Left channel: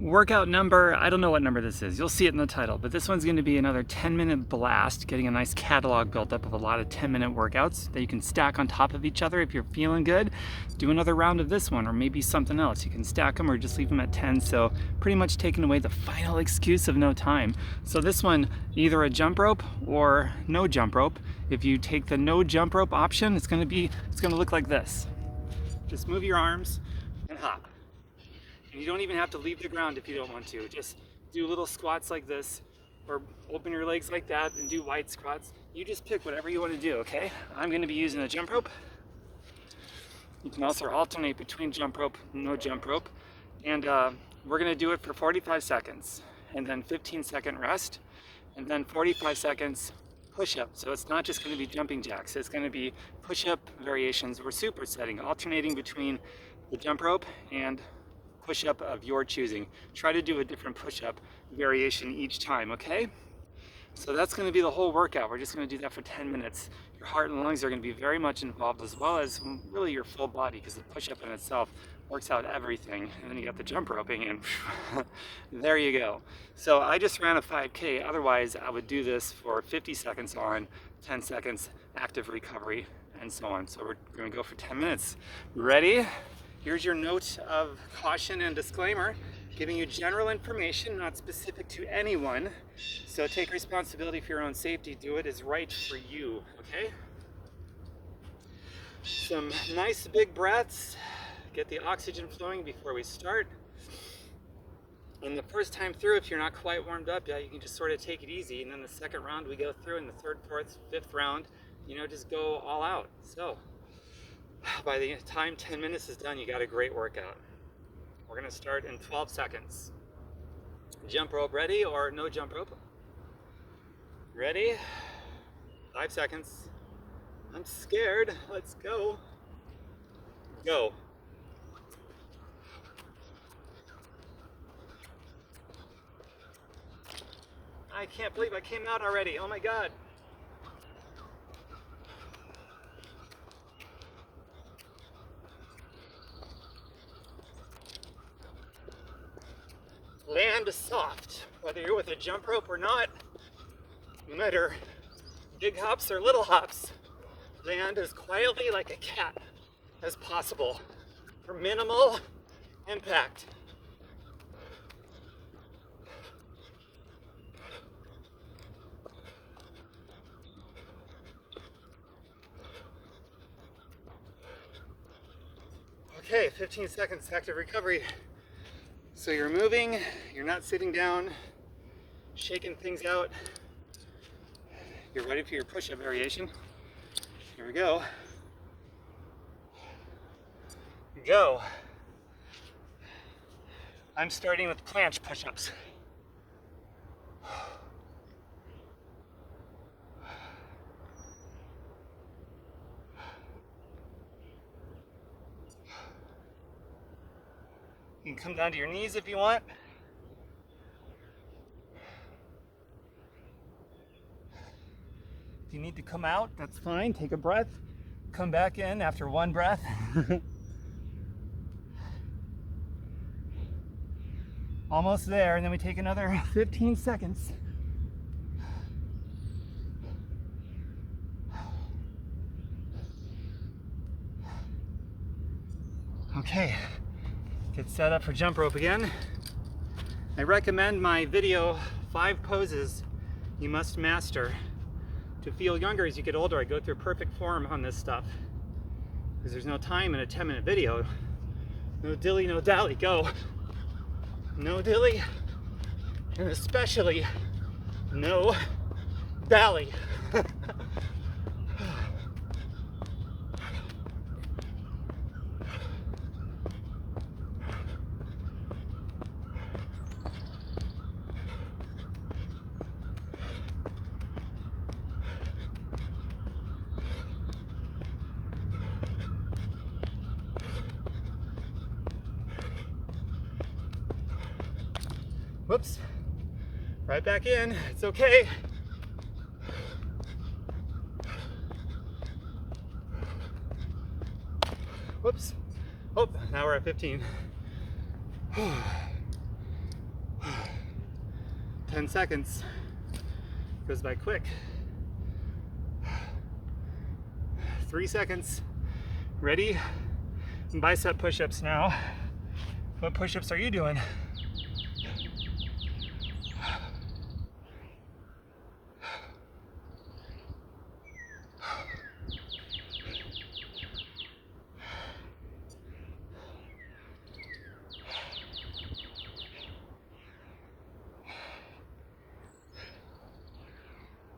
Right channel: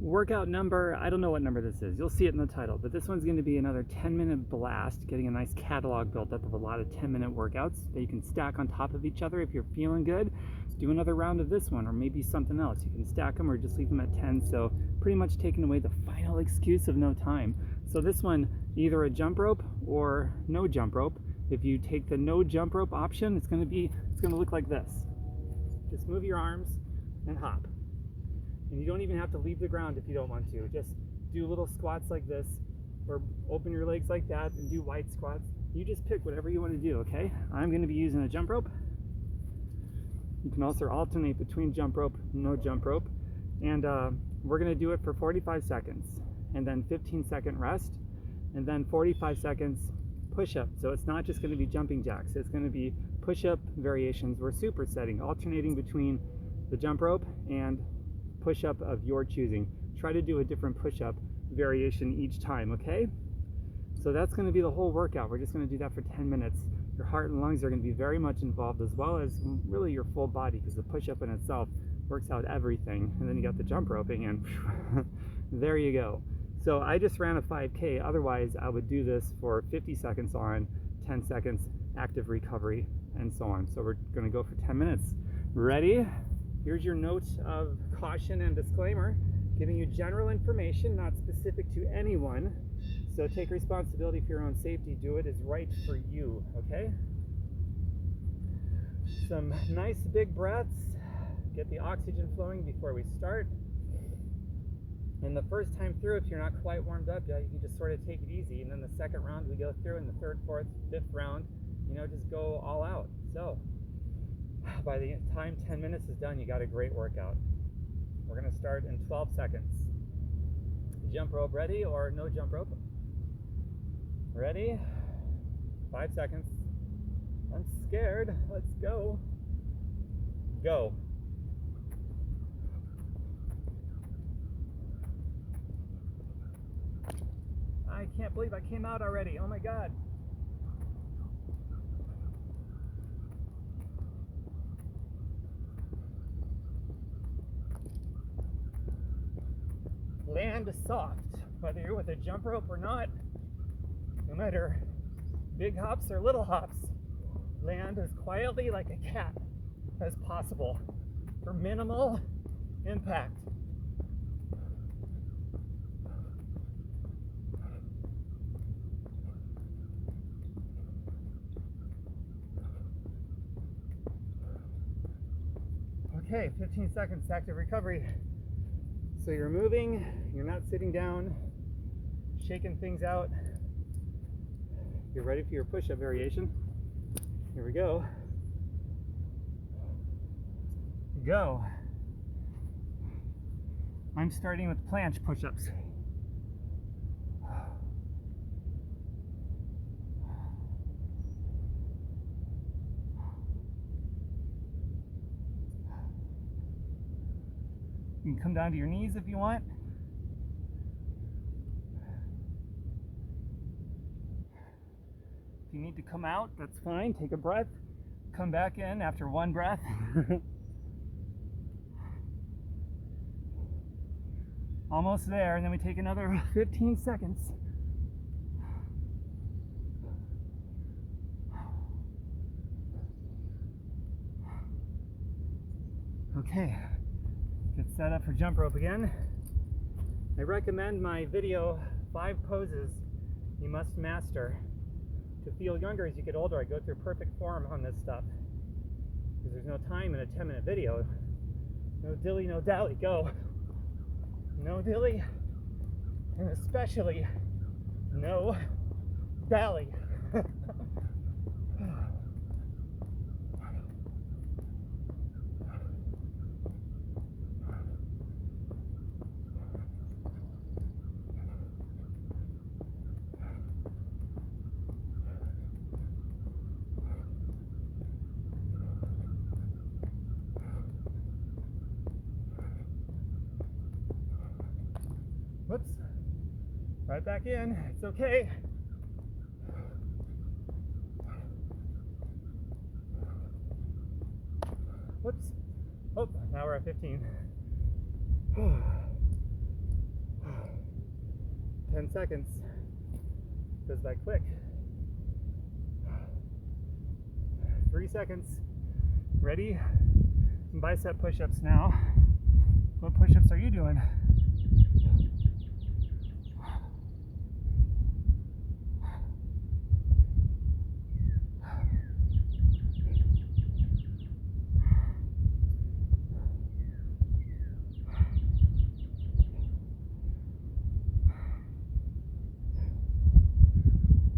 Workout number, I don't know what number this is. You'll see it in the title, but this one's going to be another 10-minute blast, getting a nice catalog built up of a lot of 10-minute workouts that you can stack on top of each other. If you're feeling good, do another round of this one or maybe something else. You can stack them or just leave them at 10. So pretty much taking away the final excuse of no time. So this one, either a jump rope or no jump rope. If you take the no jump rope option, it's going to look like this. Just move your arms and hop. And you don't even have to leave the ground if you don't want to. Just do little squats like this, or open your legs like that and do wide squats. You just pick whatever you want to do, okay? I'm going to be using a jump rope. You can also alternate between jump rope and no jump rope. And we're going to do it for 45 seconds, and then 15-second rest, and then 45 seconds push-up. So it's not just going to be jumping jacks. It's going to be push-up variations or supersetting, alternating between the jump rope and push-up of your choosing. Try to do a different push-up variation each time, okay? So that's going to be the whole workout. We're just going to do that for 10 minutes. Your heart and lungs are going to be very much involved, as well as really your full body, because the push-up in itself works out everything. And then you got the jump roping, and there you go. So I just ran a 5K. Otherwise, I would do this for 50 seconds on, 10 seconds active recovery, and so on. So we're going to go for 10 minutes. Ready? Here's your note of caution and disclaimer, giving you general information, not specific to anyone. So take responsibility for your own safety. Do it as right for you, okay? Some nice big breaths. Get the oxygen flowing before we start. And the first time through, if you're not quite warmed up yet, you can just sort of take it easy. And then the second round we go through, and the third, fourth, fifth round, just go all out. So by the time 10 minutes is done, you got a great workout. We're going to start in 12 seconds. Jump rope ready or no jump rope? Ready? 5 seconds. I'm scared. Let's go. Go. I can't believe I came out already. Oh my God. Land soft, whether you're with a jump rope or not. No matter big hops or little hops, land as quietly like a cat as possible for minimal impact. Okay, 15 seconds active recovery. So you're moving, you're not sitting down, shaking things out. You're ready for your push-up variation. Here we go. Go. I'm starting with planche push-ups. You can come down to your knees if you want. If you need to come out, that's fine. Take a breath. Come back in after one breath. Almost there, and then we take another 15 seconds. Okay. Get set up for jump rope again. I recommend my video 5 poses you must master to feel younger as you get older. I go through perfect form on this stuff because there's no time in a 10-minute video. No dilly, no dally, go. No dilly, and especially no dally. Whoops, right back in, it's okay. Whoops, oh, now we're at 15. 10 seconds. Goes by quick. 3 seconds. Ready? Bicep push-ups now. What push-ups are you doing?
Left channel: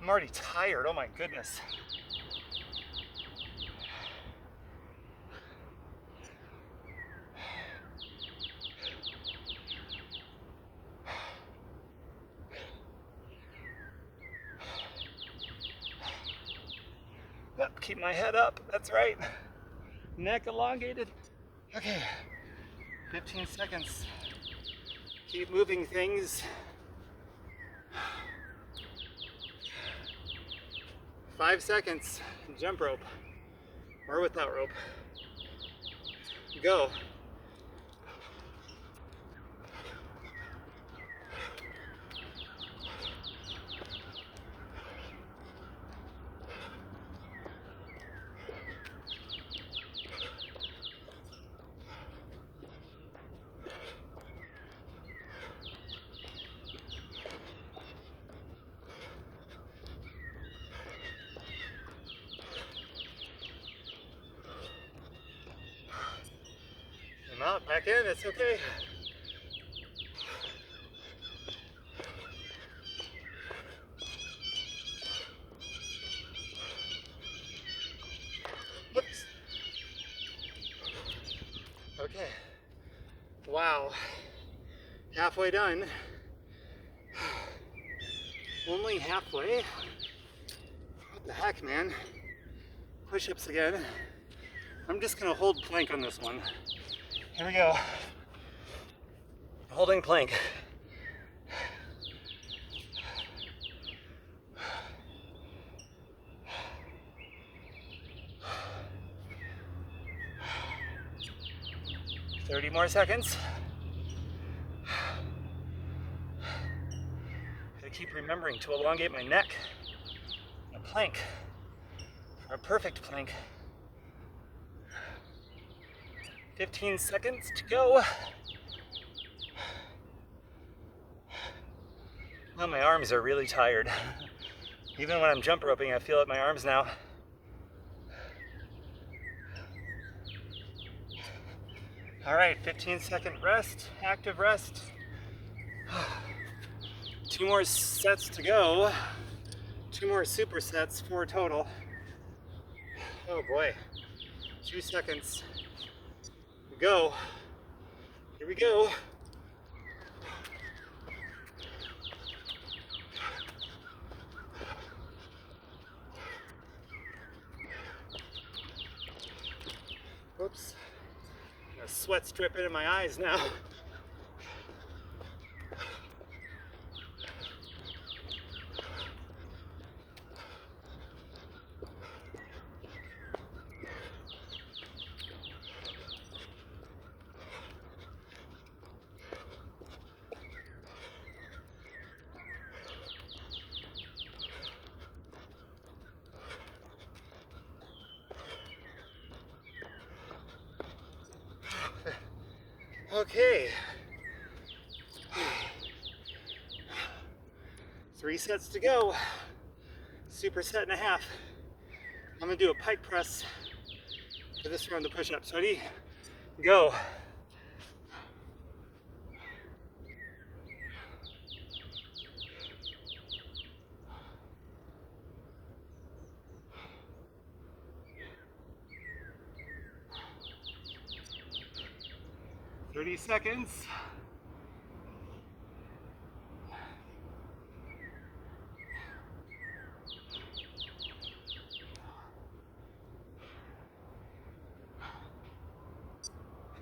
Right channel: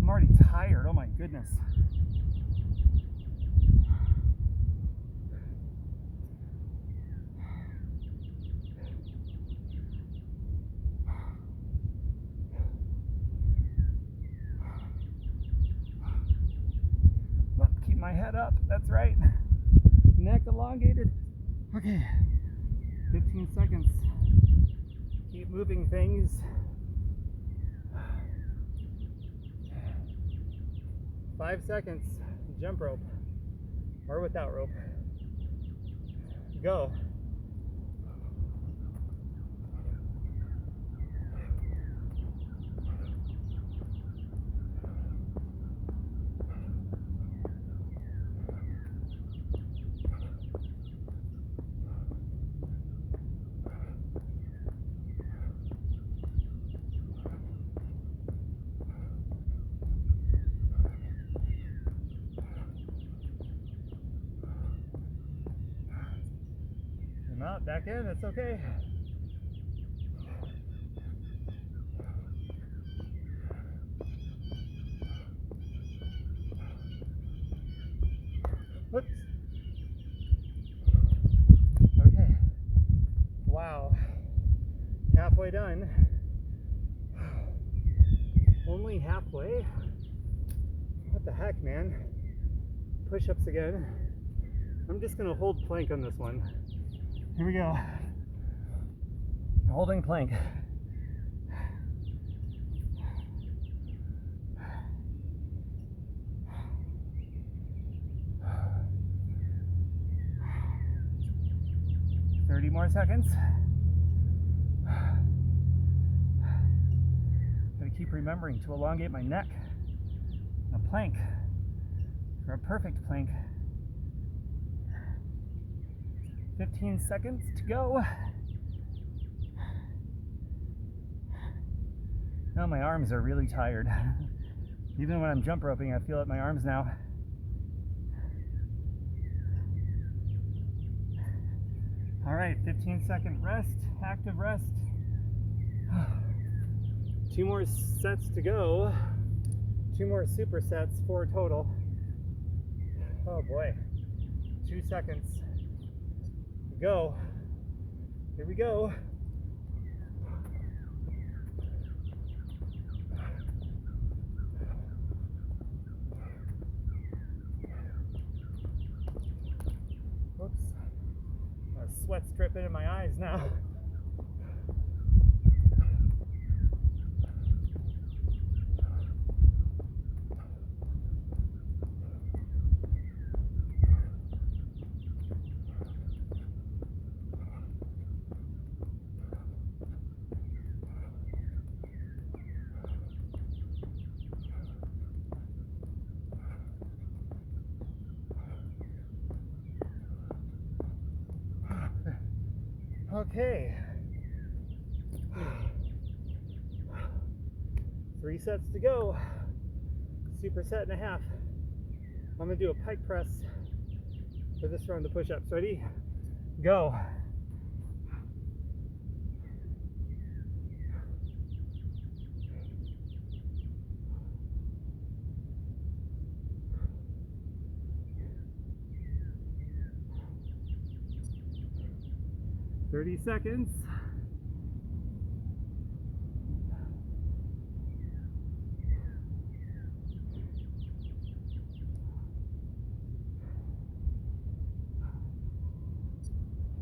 I'm already tired, oh my goodness. Yep, keep my head up, that's right. Neck elongated. Okay, 15 seconds. Keep moving things. 5 seconds, jump rope, or without rope. Go. I'm out, back in, it's okay. Whoops. Okay. Wow. Halfway done. Only halfway. What the heck, man? Push-ups again. I'm just gonna hold plank on this one. Here we go. Holding plank. Thirty more seconds. Gotta keep remembering to elongate my neck. A plank for a perfect plank. 15 seconds to go. Now my arms are really tired. Even when I'm jump roping, I feel it in my arms now. All right, 15-second rest, active rest. 2 more sets to go. 2 more supersets, 4 total. Oh boy, 2 seconds. Go. Here we go. Whoops. A sweat's dripping in my eyes now. Okay. 3 sets to go. Superset and a half. I'm gonna do a pike press for this round of push-ups. Ready? Go. Thirty seconds.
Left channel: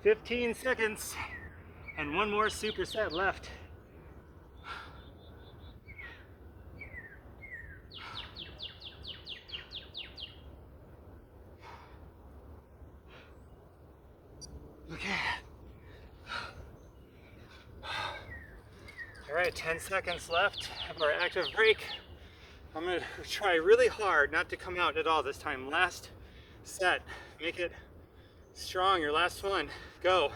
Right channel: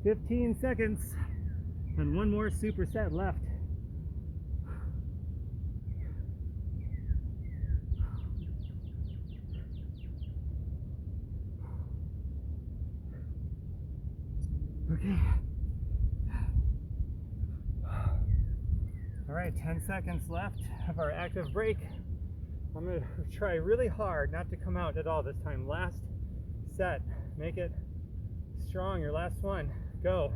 Fifteen seconds, and 1 more superset left. Okay. All right, 10 seconds left of our active break. I'm gonna try really hard not to come out at all this time. Last set, make it strong, your last one, go.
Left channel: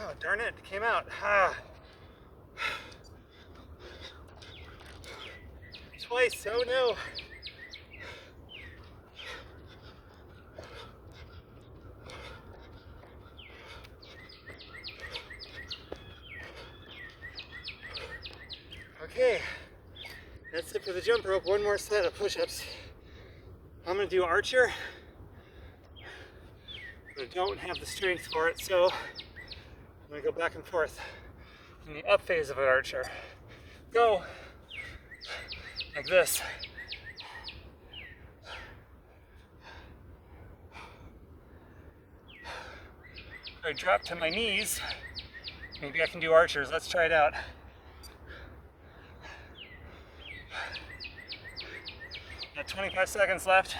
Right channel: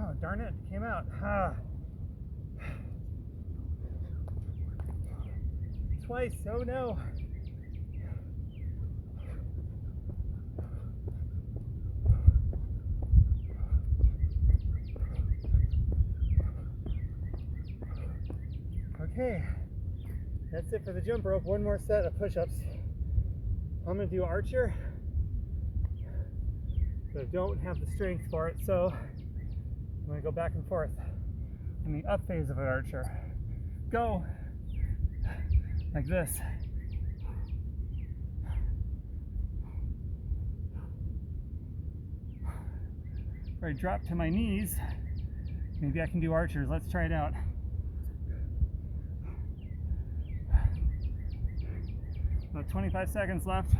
Oh, darn it, it came out. Twice, oh no. Okay, that's it for the jump rope. One more set of push-ups. I'm gonna do archer, but I don't have the strength for it, so I'm gonna go back and forth in the up phase of an archer. Go, like this. I drop to my knees. Maybe I can do archers. Let's try it out. Got 25 seconds left.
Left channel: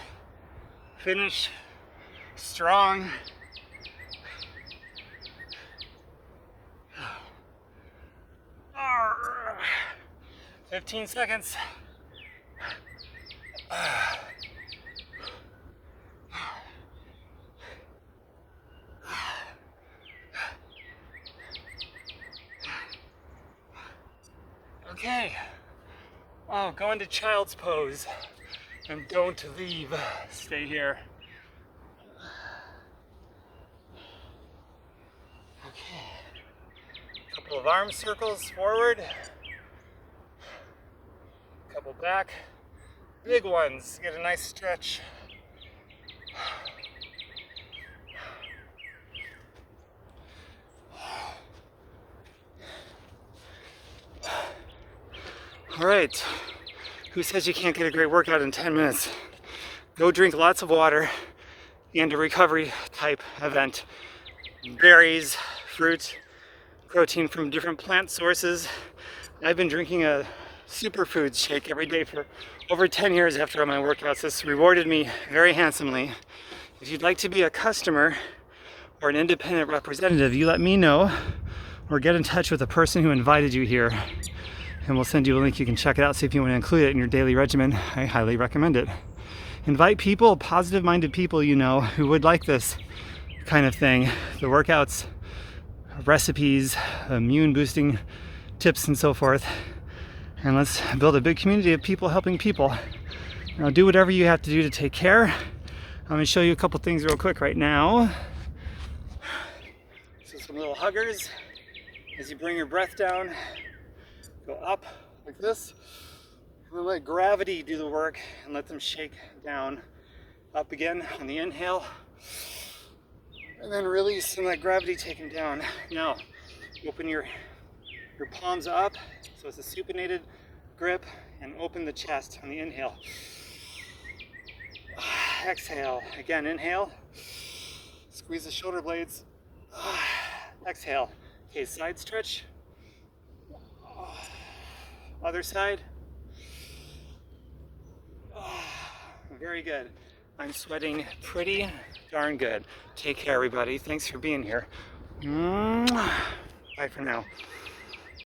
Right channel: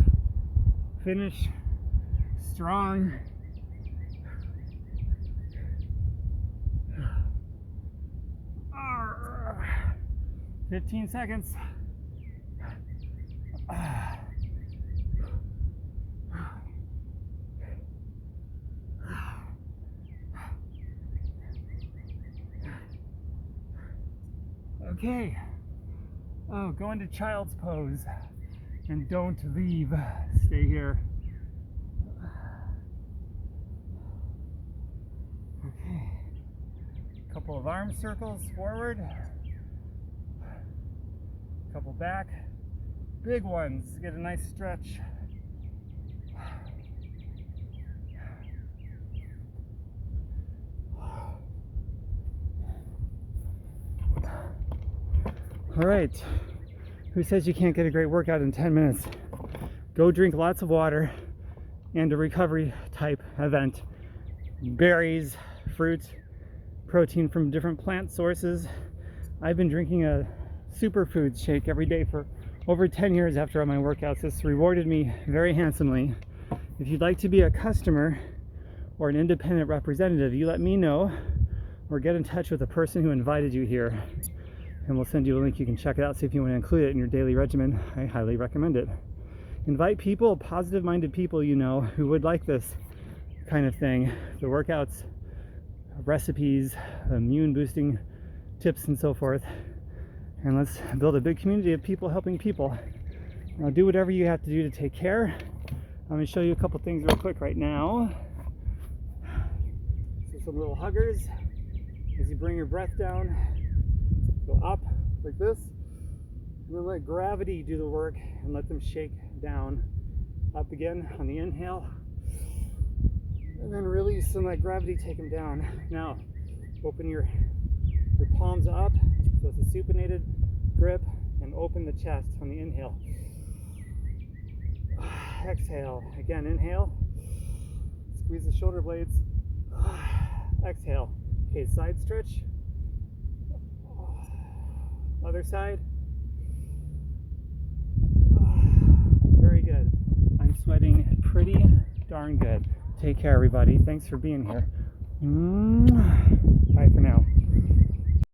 Finish strong. 15 seconds. Okay. Oh, go into child's pose and don't leave. Stay here. Okay. Couple of arm circles forward. Couple back. Big ones. Get a nice stretch. All right, who says you can't get a great workout in 10 minutes? Go drink lots of water and a recovery type event. Berries, fruit, protein from different plant sources. I've been drinking a Superfoods shake every day for over 10 years after all my workouts. This rewarded me very handsomely. If you'd like to be a customer or an independent representative, you let me know or get in touch with the person who invited you here. And we'll send you a link. You can check it out, see if you want to include it in your daily regimen. I highly recommend it. Invite people, positive-minded people you know who would like this kind of thing. The workouts, recipes, immune-boosting tips, and so forth. And let's build a big community of people helping people. Now do whatever you have to do to take care. I'm going to show you a couple things real quick right now. So some little huggers. As you bring your breath down, go up like this, and then let gravity do the work and let them shake down. Up again on the inhale, and then release and let gravity take them down. Now, open your palms up, so it's a supinated grip, and open the chest on the inhale. Exhale, again, inhale, squeeze the shoulder blades, exhale. Okay, side stretch. Other side. Very good. I'm sweating pretty darn good. Take care, everybody. Thanks for being here. Bye for now.